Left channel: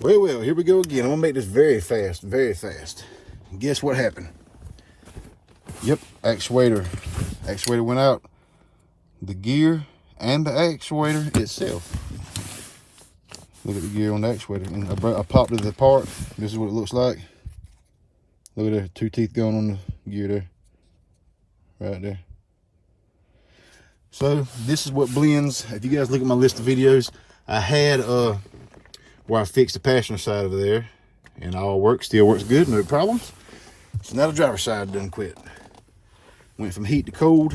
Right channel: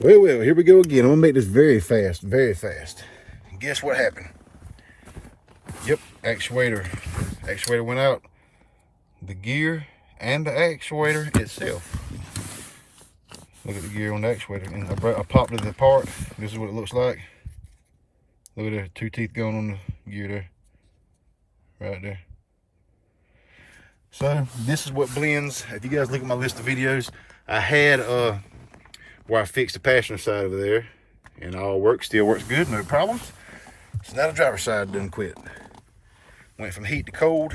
Well, here we go again. I'm gonna make this very fast, very fast. And guess what happened? Yep, actuator went out. The gear and the actuator itself. Look at the gear on the actuator. And I popped it apart. This is what it looks like. Look at the 2 teeth going on the gear there. Right there. So this is what blends. If you guys look at my list of videos, I had where I fixed the passenger side of there, and all works, still works good, no problems. So now the driver's side done quit. Went from heat to cold,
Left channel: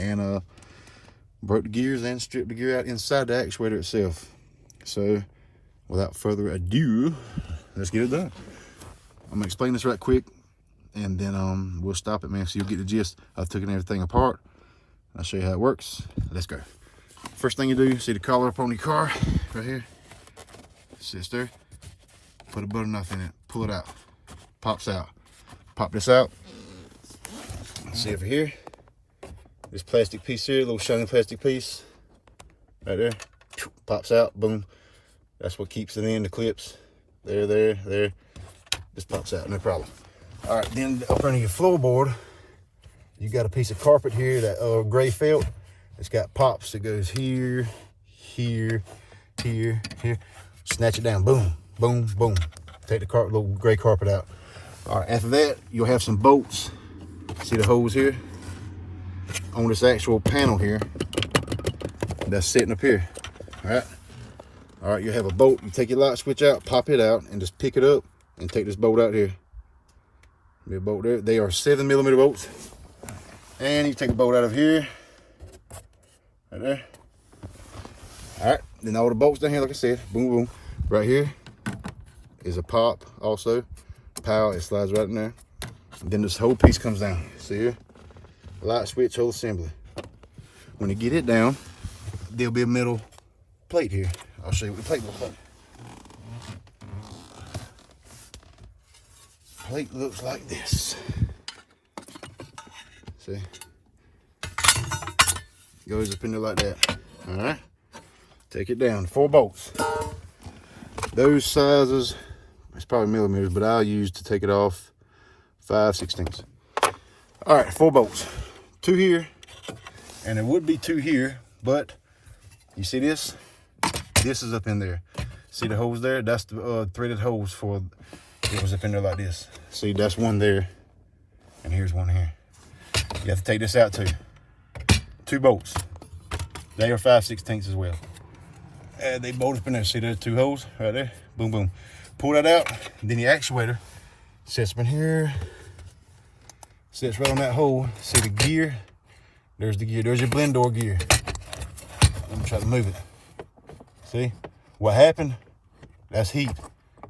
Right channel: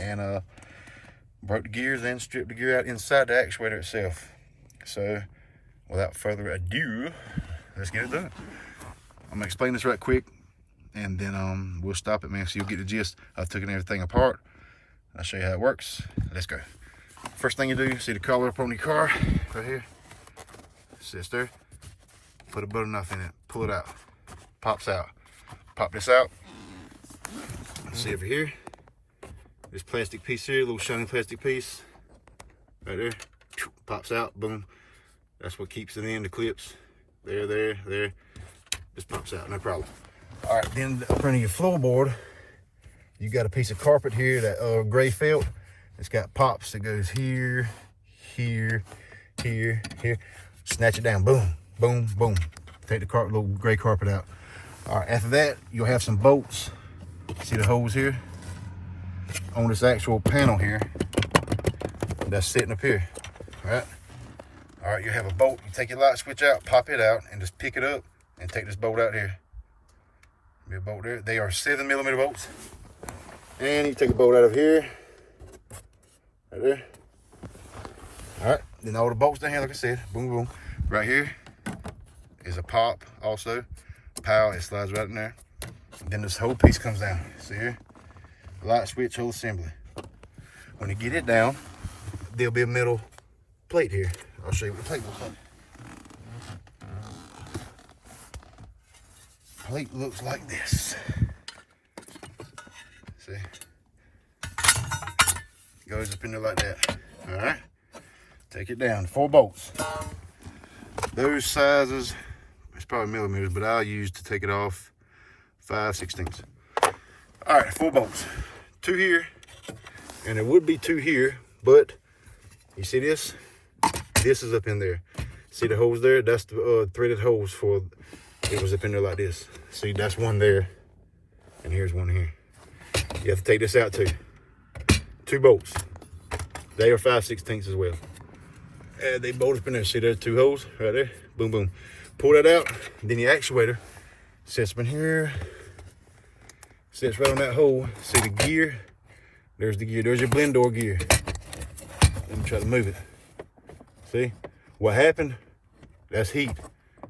and broke the gears and stripped the gear out inside the actuator itself. So without further ado, let's get it done. I'm gonna explain this right quick, and then we'll stop it, man, so you'll get the gist. I've taken everything apart. I'll show you how it works. Let's go. First thing you do, see the collar up on your car right here? Sits there. Put a butter knife in it. Pull it out. Pops out. Pop this out. See over here? This plastic piece here, little shiny plastic piece. Right there. Pops out. Boom. That's what keeps it in the clips. There. Just pops out, no problem. All right, then up under your floorboard, you got a piece of carpet here, that gray felt. It's got pops that goes here, here. Snatch it down, boom, boom, boom. Take the little gray carpet out. All right, after that, you'll have some bolts. See the holes here? On this actual panel here, that's sitting up here, all right, you have a bolt. You take your light switch out, pop it out, and just pick it up and take this bolt out here. Be a bolt there. They are 7mm bolts. And you take a bolt out of here, right there. All right, then all the bolts down here, like I said, boom, boom. Right here is a pop also. Pow, it slides right in there. And then this whole piece comes down. See here? Light switch, whole assembly. When you get it down, there'll be a metal plate here. I'll show you what the plate looks like. Plate looks like this. See? Goes up in there like that. All right? Take it down. 4 bolts. Those sizes, it's probably millimeters, but I'll use to take it off 5/16. All right, 4 bolts. 2 here, and there would be 2 here, but you see this? This is up in there. See the holes there? That's the threaded holes for, it was up in there like this. See, that's one there, and here's one here. You have to take this out too. 2 bolts. They are 5/16 as well. And they bolt up in there. See those 2 holes right there? Boom, boom. Pull that out. Then the actuator sits up in here. Sits right on that hole. See the gear? There's the gear. There's your blend door gear. Let me try to move it. See? What happened? That's heat.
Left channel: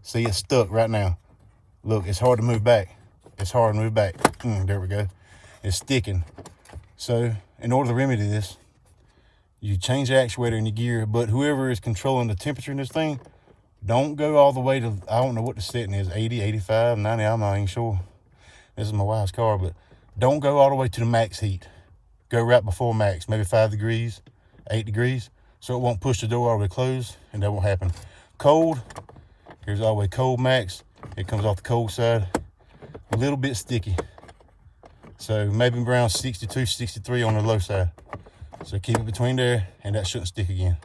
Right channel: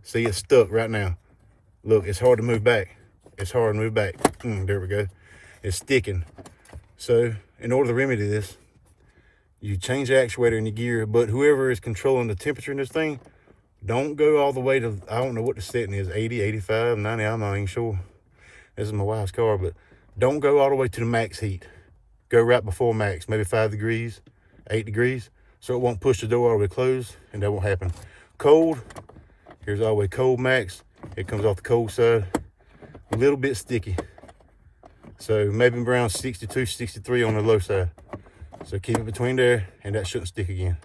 See, it's stuck right now. Look, it's hard to move back. It's hard to move back. There we go. It's sticking. So in order to remedy this, you change the actuator in the gear, but whoever is controlling the temperature in this thing, don't go all the way to, I don't know what the setting is, 80, 85, 90, I'm not even sure. This is my wife's car, but don't go all the way to the max heat. Go right before max, maybe 5 degrees, 8 degrees, so it won't push the door all the way closed, and that won't happen. Cold, here's all the way cold max. It comes off the cold side, a little bit sticky. So maybe around 62, 63 on the low side. So keep it between there, and that shouldn't stick again.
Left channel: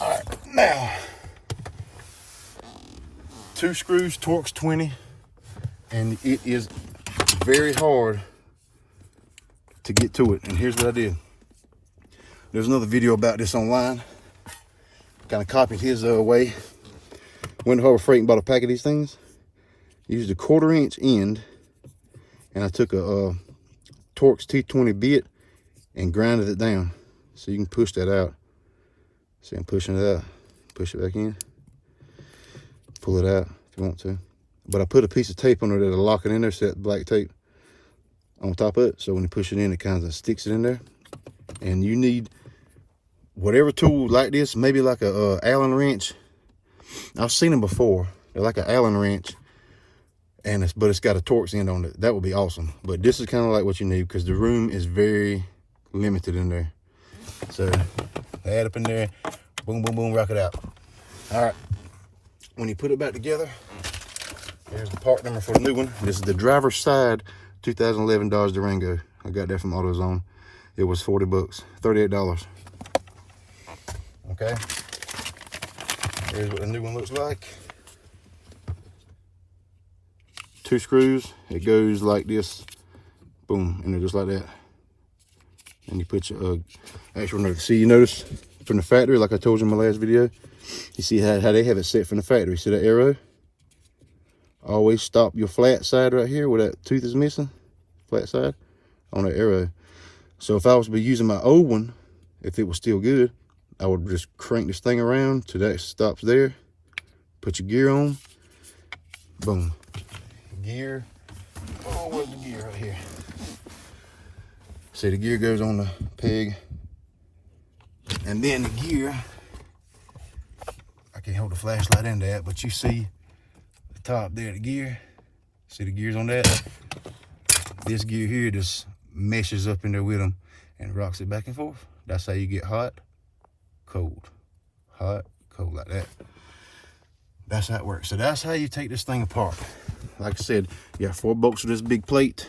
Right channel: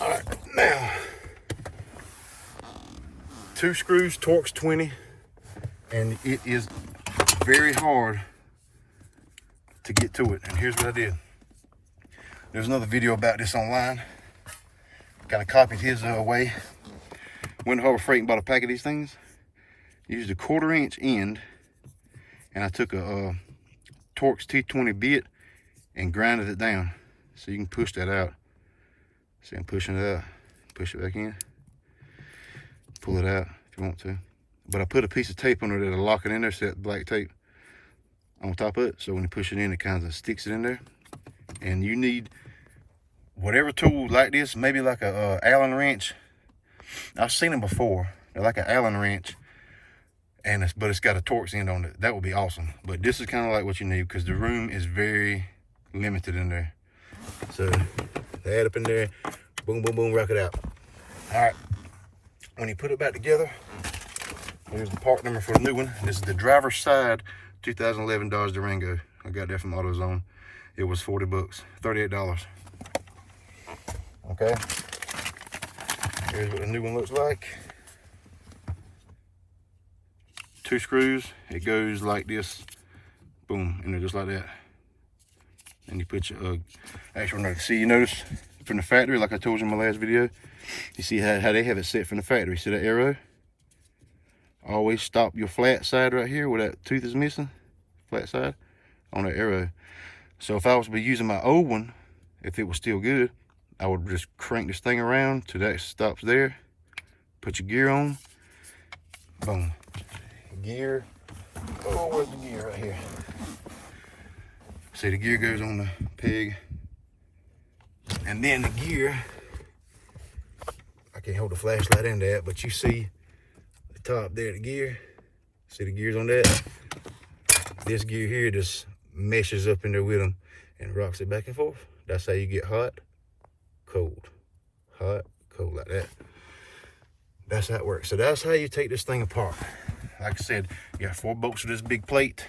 All right, now, 2 screws, Torx 20, and it is very hard to get to it. And here's what I did. There's another video about this online. Kind of copied his way. Went to Harbor Freight and bought a pack of these things. Used a 1/4 inch end, and I took a Torx T20 bit and grinded it down so you can push that out. See, I'm pushing it out. Push it back in. Pull it out if you want to. But I put a piece of tape on there that'll lock it in there, set black tape on top of it, so when you push it in, it kind of sticks it in there. And you need whatever tool like this, maybe like a Allen wrench. I've seen them before. They're like an Allen wrench, and but it's got a Torx end on it. That would be awesome. But this is kind of like what you need because the room is very limited in there. So add up in there, boom, boom, boom, rock it out. All right, when you put it back together, here's the part number for the new one. This is the driver's side 2011 Dodge Durango. I got that from AutoZone. It was 40 bucks, $38. Okay. Here's what the new one looks like. 2 screws. It goes like this. Boom, in there just like that. And you put your actual nut. See, you notice from the factory, like I told you in my last video, you see how they have it set from the factory. See that arrow? Always stop your flat side right here where that tooth is missing, flat side, on the arrow. So if I was to be using my old one, if it was still good, I would just crank this thing around till that stops there. Put your gear on. Boom. Gear. Oh, where's the gear right here? See, the gear goes on the peg. And then the gear, I can't hold the flashlight in that, but you see the top there, the gear. See the gears on that? This gear here just meshes up in there with them and rocks it back and forth. That's how you get hot, cold, like that. That's how it works. So that's how you take this thing apart. Like I said, you got 4 bolts for this big plate.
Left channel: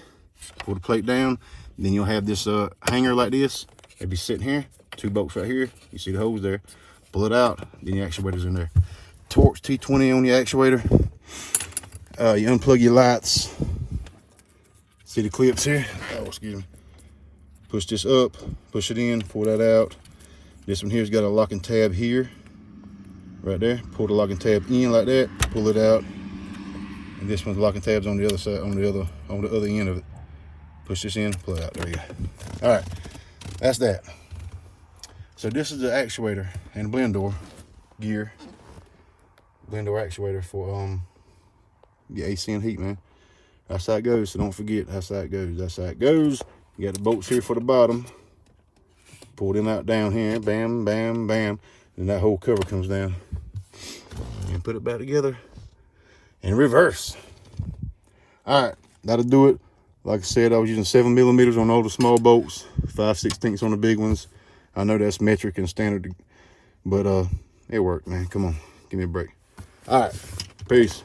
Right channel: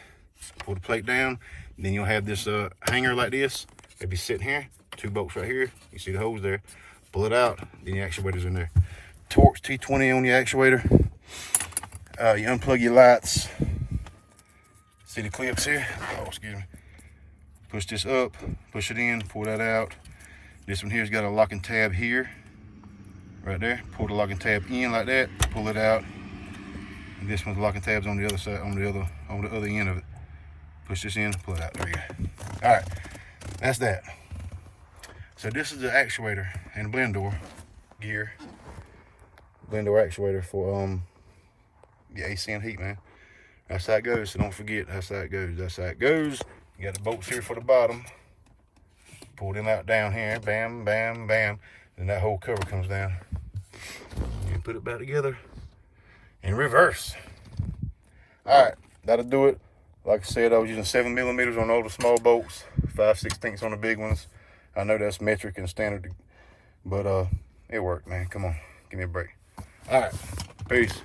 Pull the plate down. Then you'll have this hanger like this. It'll be sitting here. 2 bolts right here. You see the holes there. Pull it out. Then your actuator's in there. Torx T20 on your actuator. You unplug your lights. See the clips here? Oh, excuse me. Push this up. Push it in. Pull that out. This one here's got a locking tab here. Right there. Pull the locking tab in like that. Pull it out. And this one's locking tabs on the other side, on the other end of it. Push this in, pull it out. There you go. All right, that's that. So this is the actuator and blend door gear. Blend door actuator for your AC and heat, man. That's how it goes. So don't forget, that's how it goes. That's how it goes. You got the bolts here for the bottom. Pull them out down here. Bam, bam, bam. And that whole cover comes down. And put it back together. In reverse. All right, that'll do it. Like I said, I was using 7mm on all the small bolts, 5/16 on the big ones. I know that's metric and standard, but it worked, man. Come on, give me a break. All right, peace.